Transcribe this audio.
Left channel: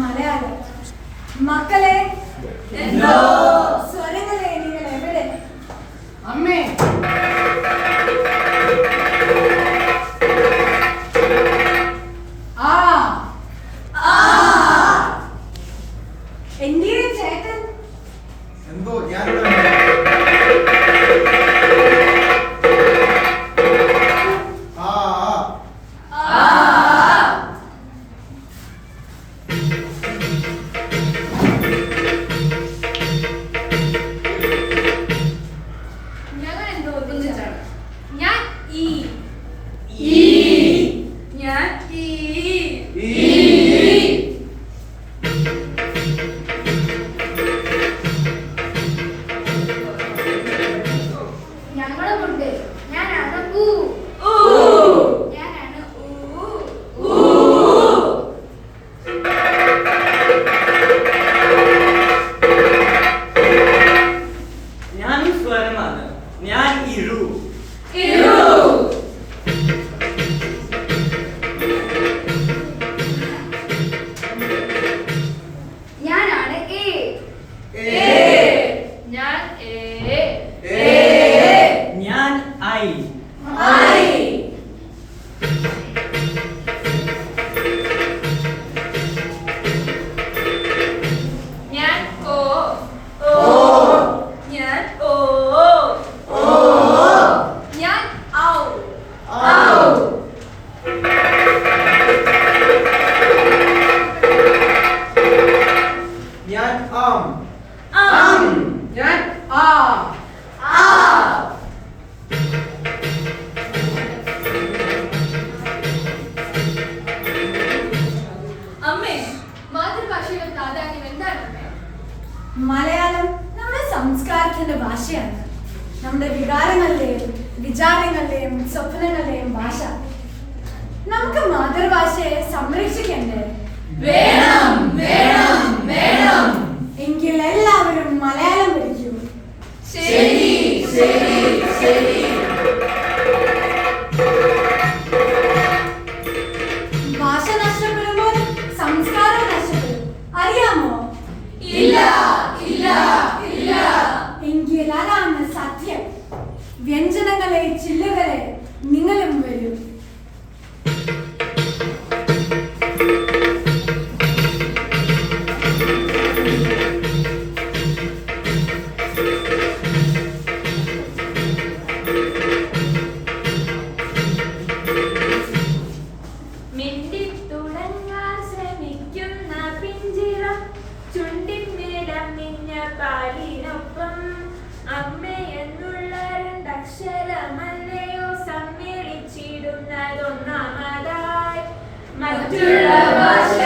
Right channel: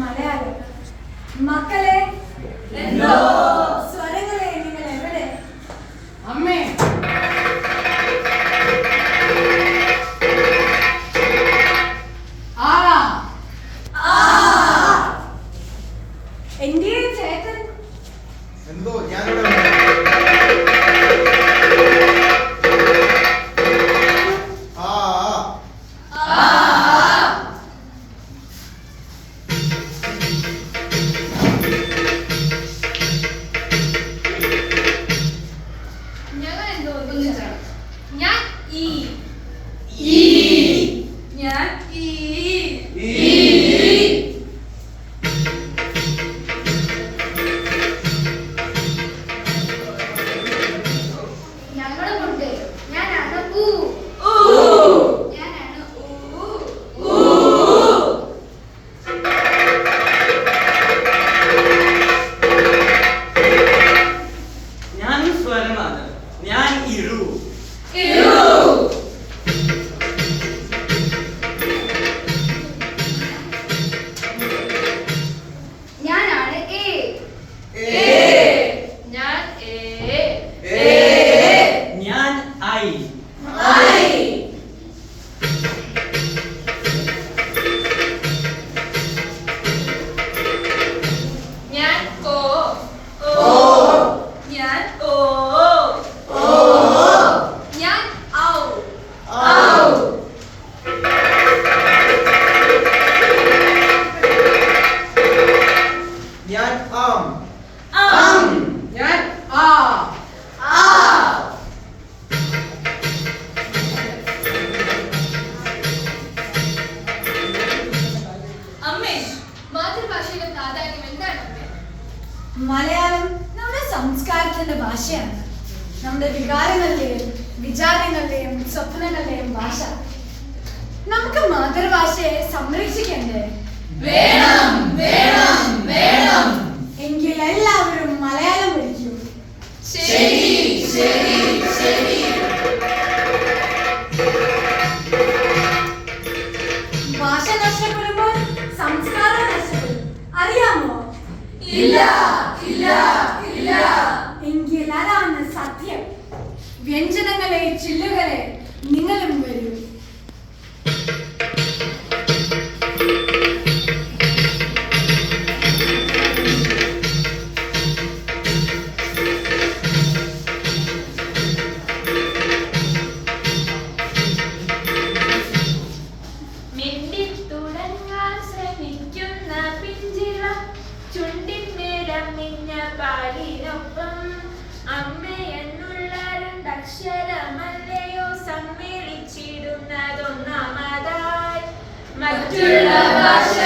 മലയാളം. മക്കളെ, എന്തോ സ്വരങ്ങളെ നിങ്ങൾ എവിടെ? അമ്മേ, എന്റെ ചേട്ടൻ എന്തോ ഞാൻ മലയാളം നമ്മുടെ സംസ്കാരത്തിന്റെ ഭാഷയാണ്. നമ്മുടെ വികാരങ്ങളുടെയും വിചാരങ്ങളുടെയും സ്വപ്നങ്ങളുടെയും ഭാഷ. നമുക്ക് മാതൃഭാഷയെ സംരക്ഷിക്കണ്ടേ? വേണം വേണം വേണം. എങ്കിൽ എല്ലാവരും മലയാളം പഠിക്കൂ. ശരി ശരി ശരി. ഭാഷ നഷ്ടപ്പെടുമ്പോൾ സംസ്കാരം നഷ്ടപ്പെടും. അറിയാമോ? ഇല്ല ഇല്ല ഇല്ല. എങ്കിൽ അതാണ് സത്യം. വ്യഞ്ജനങ്ങളെ ചില്ലുകളെ നിങ്ങളും വരൂ. പാലിനൊപ്പം അമ്മയെന്നുള്ള രണ്ടക്ഷരമല്ലയോ സമ്മേളിച്ചിടുന്നതൊന്നാമതായി. മറ്റുള്ള ഭാഷ